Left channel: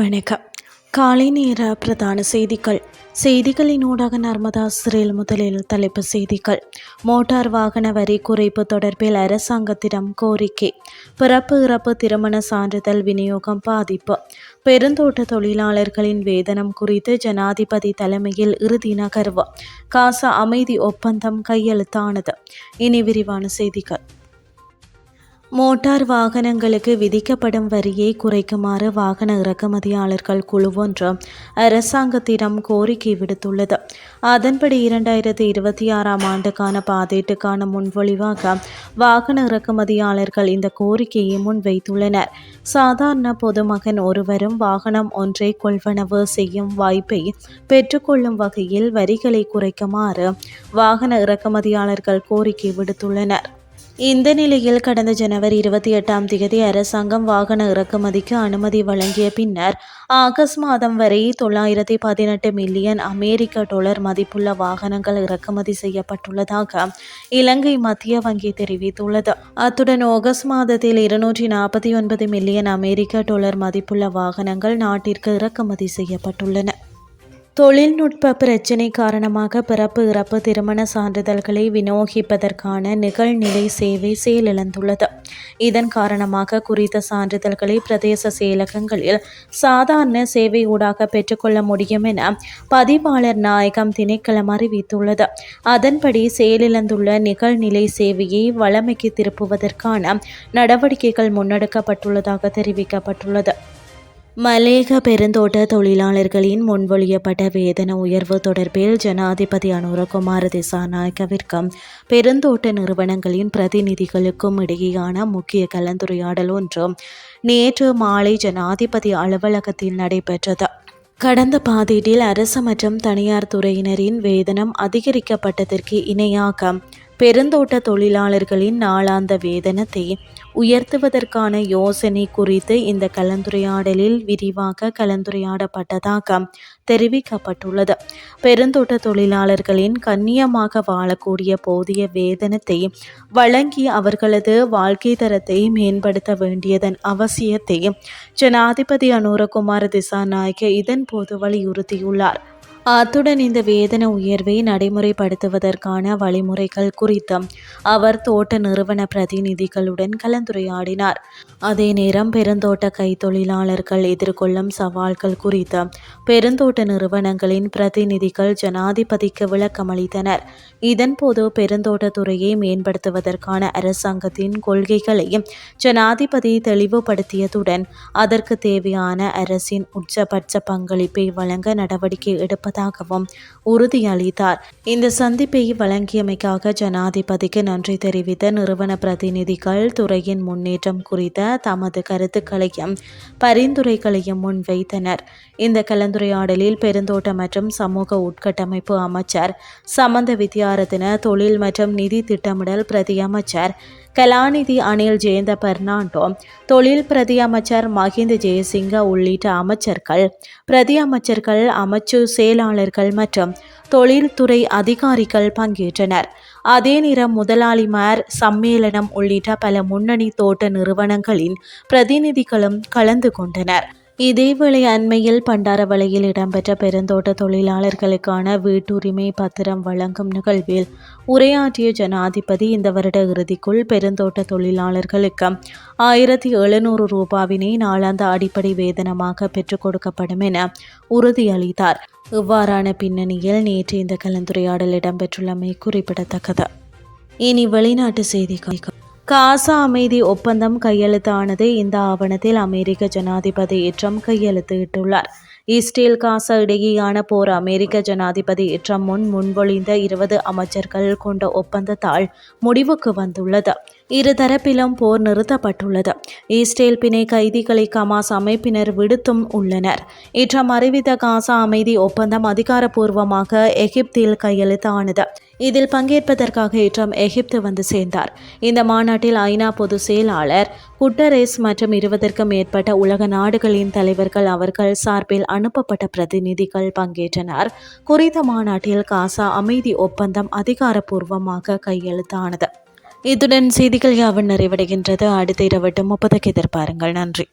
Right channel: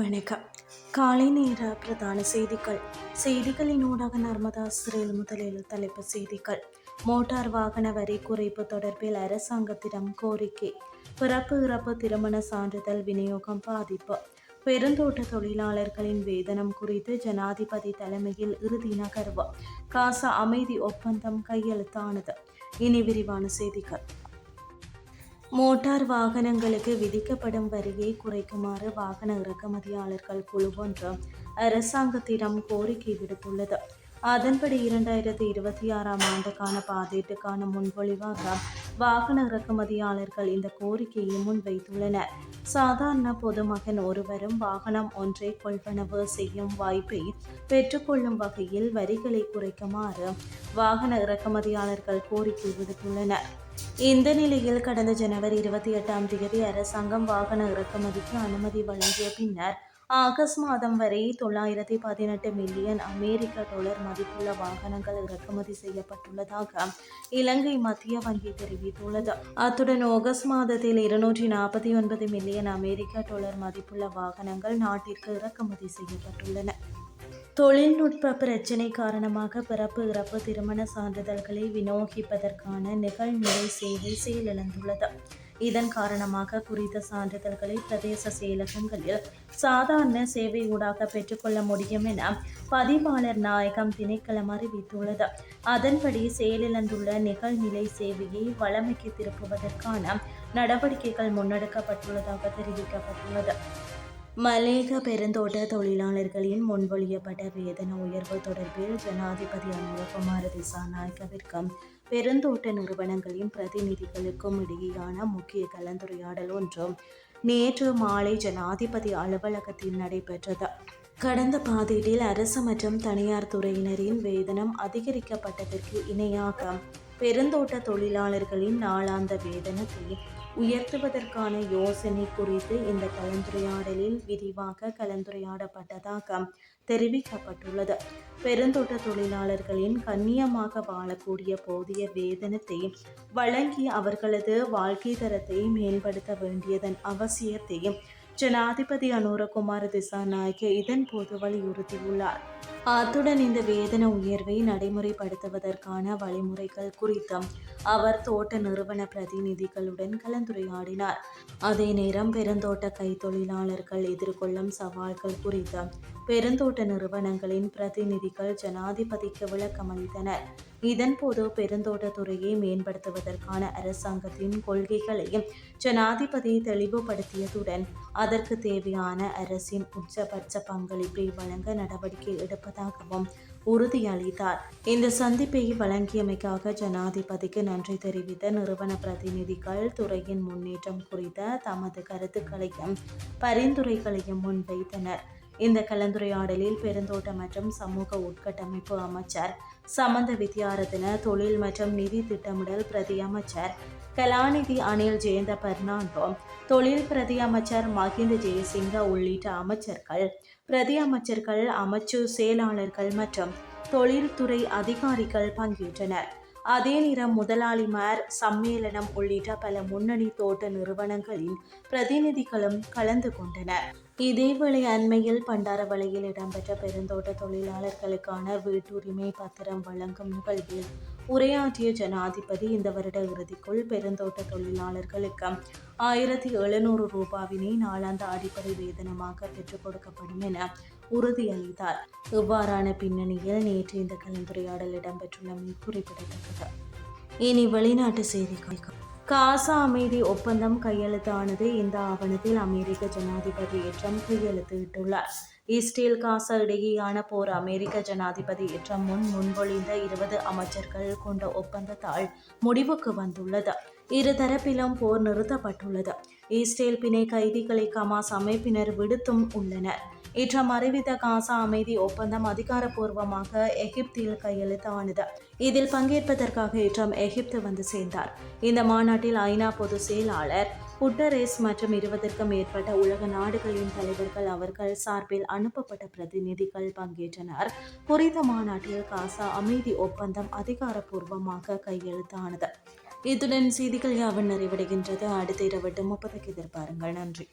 வணக்கம். காலை நேர பிரதான செய்திகள். செய்திகளின் ஊடாக நர்மதா சிறையில் முதலில் தலைப்பு செய்திகள். மோட்டார் வாகன வரி குறைப்பு தொடர்பில் அரசாங்கத்திடம் கோரிக்கை. பிறப்பு இறப்பு திருமண சான்றிதழ் விநியோகம் பாதிப்பு. பெருந்தோட்ட தொழிலாளர்களின் வேதனம் குறித்து ஜனாதிபதி தலைமையில் இறுதி நகர்வு. காசா அமைதி ஒப்பந்தம் கையெழுத்தானது. இனி விரிவான செய்திகள். மோட்டார் வாகனங்களுக்கு விதிக்கப்படும் வரியை குறைக்குமாறு வாகன இறக்குமதியாளர்கள் குழுவொன்று அரசாங்கத்திடம் கோரிக்கை விடுத்துள்ளது. அதன்படி இரண்டாயிரத்தி இருபத்தி ஆறாம் ஆண்டுக்கான பாதீட்டுக்கான முன்வொழிவாக வாகன இறக்குமதியாளர்கள் இந்த கோரிக்கையை முன்வைத்துள்ளனர். சாதாரண பொதுமகன் ஒருவரும் வாகனம் ஒன்றை கொள்வனவு செய்யும் வாய்ப்பை பெற்றுக்கொள்ளும் வகையில் வரிகளை குறைக்குமாறு வாகன இறக்குமதியாளர்கள் கோரிக்கை விடுத்துள்ளனர். இந்த நிலையில் கடந்த ஜனவரி இருபத்தி எட்டாம் தேதி அரசாங்கம் வாகன இறக்குமதிக்கு அனுமதி வழங்கிய பின்னர் ஆகஸ்ட் மாதம் வரை தொள்ளாயிரத்தி பதினெட்டு மில்லியன் அமெரிக்க டாலர் மதிப்புள்ள வாகனங்கள் இறக்குமதி செய்யப்பட்டுள்ளதாக இலங்கை மத்திய வங்கி தெரிவித்துள்ளது. அத்துடன் ஆகஸ்ட் மாதத்தில் இருநூற்றி நாற்பத்தி ஒன்பது மில்லியன் அமெரிக்க டாலர் மதிப்புள்ள வாகனங்கள் நாட்டிற்கு இறக்குமதி செய்யப்பட்டுள்ளன. தொழில்நுட்ப பிரச்சினை காரணமாக பிறப்பு இறப்பு திருமண சான்றிதழ்களை விநியோகிப்பதற்கான நிகழ்நிலை சேவை செயலிழந்துள்ளது. இதன் காரணமாக குறித்த சான்றிதழ்களை பிரதேச செயலகங்களில் சாதாரண சேவை ஊடாக பெற்றுக்கொள்ள முடியும் என பதிவாளர் நாயகம் திணைக்களம் அறிவித்துள்ளது. அதன்படி செயலிழந்துள்ள நிகழ்நிலை சேவையை வளமைக்கு திருப்புவதற்கான நடவடிக்கைகள் முன்னெடுக்கப்பட்டுள்ளதாக தெரிவிக்கப்பட்டுள்ளது. மலேக பெருந்தோட்ட தொழிலாளர்களின் முன்மொழியப்பட்ட வேதன உயர்வு தொடர்பில் ஜனாதிபதி அனுரகுமார திசாநாயக்கவிற்கும் பெருந்தோட்ட நிறுவனங்களின் பிரதிநிதிகளுக்கும் இடையேயான முக்கிய கலந்துரையாடல் ஒன்றும் நேற்று மாலை ஜனாதிபதி அலுவலகத்தில் நடைபெற்றது. கடந்த பாதீட்டில் அரசு மற்றும் தனியார் துறையினரின் வேதனம் அதிகரிக்கப்பட்டதற்கு இணையாக பெருந்தோட்ட தொழிலாளர்களின் நாளாந்த வேதனத்தை உயர்த்துவதற்கான யோசனை குறித்து இந்த கலந்துரையாடலில் விரிவாக கலந்துரையாடப்பட்டதாக தெரிவிக்கப்பட்டுள்ளது. பெருந்தோட்ட தொழிலாளர்களின் கண்ணியமாக வாழக்கூடிய போதிய வேதனத்தை வழங்கி அவர்களது வாழ்க்கை தரத்தை மேம்படுத்த வேண்டியதன் அவசியத்தை ஜனாதிபதி அனுரகுமார் திசாநாயக்க இதன் போது வலியுறுத்தியுள்ளார். அத்துடன் இந்த வேதன உயர்வை நடைமுறைப்படுத்துவதற்கான வழிமுறைகள் குறித்தும் அவர் தோட்ட நிறுவன பிரதிநிதிகளுடன் கலந்துரையாடினார். அதே நேரம் பெருந்தோட்ட கைத்தொழிலாளர்கள் எதிர்கொள்ளும் சவால்கள் குறித்து பெருந்தோட்ட நிறுவனங்களின் பிரதிநிதிகள் ஜனாதிபதிக்கு விளக்கமளித்தனர். இதன்போது பெருந்தோட்டத்துறையை மேம்படுத்துவதற்கான அரசாங்கத்தின் கொள்கைகளையும் ஜனாதிபதி தெளிவுபடுத்தியதுடன் அதற்கு தேவையான அரசின் உச்சபட்ச பங்களிப்பை வழங்க நடவடிக்கை இருப்பதாகவும் உறுதியளித்தார். இந்த சந்திப்பை வழங்கியமைக்காக ஜனாதிபதிக்கு நன்றி தெரிவித்த நிறுவன பிரதிநிதிகள் துறையின் முன்னேற்றம் குறித்த தமது கருத்துக்களையும் பரிந்துரைகளையும் முன்வைத்தனர். இந்த கலந்துரையாடலில் பெருந்தோட்ட மற்றும் சமூக உட்கட்டமைப்பு அமைச்சர் சமந்த வித்யாரத்தின தொழில் மற்றும் நிதி திட்டமிடல் பிரதி அமைச்சர் கலாநிதி அனில் ஜெயந்த பெர்னாண்டோ தொழில் பிரதி அமைச்சர் மஹிந்த ஜெயசிங்க உள்ளிட்ட அமைச்சர்கள் பிரதி அமைச்சர்கள் அமைச்சு செயலாளர்கள் மற்றும் தொழில்துறை அதிகாரிகள் பங்கேற்றனர். அதே நேரம் முதலாளிமார் சம்மேளனம் உள்ளிட்ட பல முன்னணி தோட்ட நிறுவனங்களின் பிரதிநிதிகளும் கலந்து கொண்டனர். இதேவேளை அண்மையில் பண்டாரவளையில் இடம்பெற்ற பெருந்தோட்ட தொழிலாளர்களுக்கான வீட்டுரிமை பத்திரம் வழங்கும் நிகழ்வில் உரையாற்றிய ஜனாதிபதி இந்த வருட இறுதிக்குள் பெருந்தோட்ட தொழிலாளர்களுக்கு ஆயிரத்தி எழுநூறு ரூபாவினை நாளாந்த அடிப்படை வேதனமாக பெற்றுக் கொடுக்கப்படும் என உறுதியளித்தார். இவ்வாறான பின்னணியில் நேற்று இந்த கலந்துரையாடல் இடம்பெற்றுள்ளமை குறிப்பிடத்தக்கது. இனி வெளிநாட்டு செய்திகள். காசா அமைதி ஒப்பந்தம் கையெழுத்தானது. இந்த ஆவணத்தில் அமெரிக்க ஜனாதிபதி ட்ரம்ப் கையெழுத்திட்டுள்ளார். இஸ்ரேல் காசா இடையேயான போர் அமெரிக்க ஜனாதிபதி ட்ரம்ப் முன் முன்மொழிந்த இருபது அமைச்சர்கள் கொண்ட ஒப்பந்தத்தால் முடிவுக்கு வந்துள்ளது. இருதரப்பிலும் போர் நிறுத்தப்பட்டுள்ளது. இஸ்ரேல் பிணை கைதிகளை கமாஸ் அமைப்பினர் விடுத்தும் உள்ளனர். இற்றம் அறிவித்த காசா அமைதி ஒப்பந்தம் அதிகாரப்பூர்வமாக எகிப்தில் கையெழுத்தானது. இதில் பங்கேற்பதற்காக இற்றம் எகிப்து வந்து சேர்ந்தார். இந்த மாநாட்டில் ஐநா பொதுச் செயலாளர் குட்டரேஸ் மற்றும் இருபதற்கும் மேற்பட்ட உலக நாடுகளின் தலைவர்கள் அவர்கள் சார்பில் அனுப்பப்பட்ட பிரதிநிதிகள் பங்கேற்றனர். குறித்த மாநாட்டில் காசா அமைதி ஒப்பந்தம் அதிகாரப்பூர்வமாக கையெழுத்தானது. இத்துடன் செய்திகள் யாவும் நிறைவடைகின்றது. அடுத்த இரவட்டும் முப்பதுக்கு எதிர்பாருங்கள். நன்றி.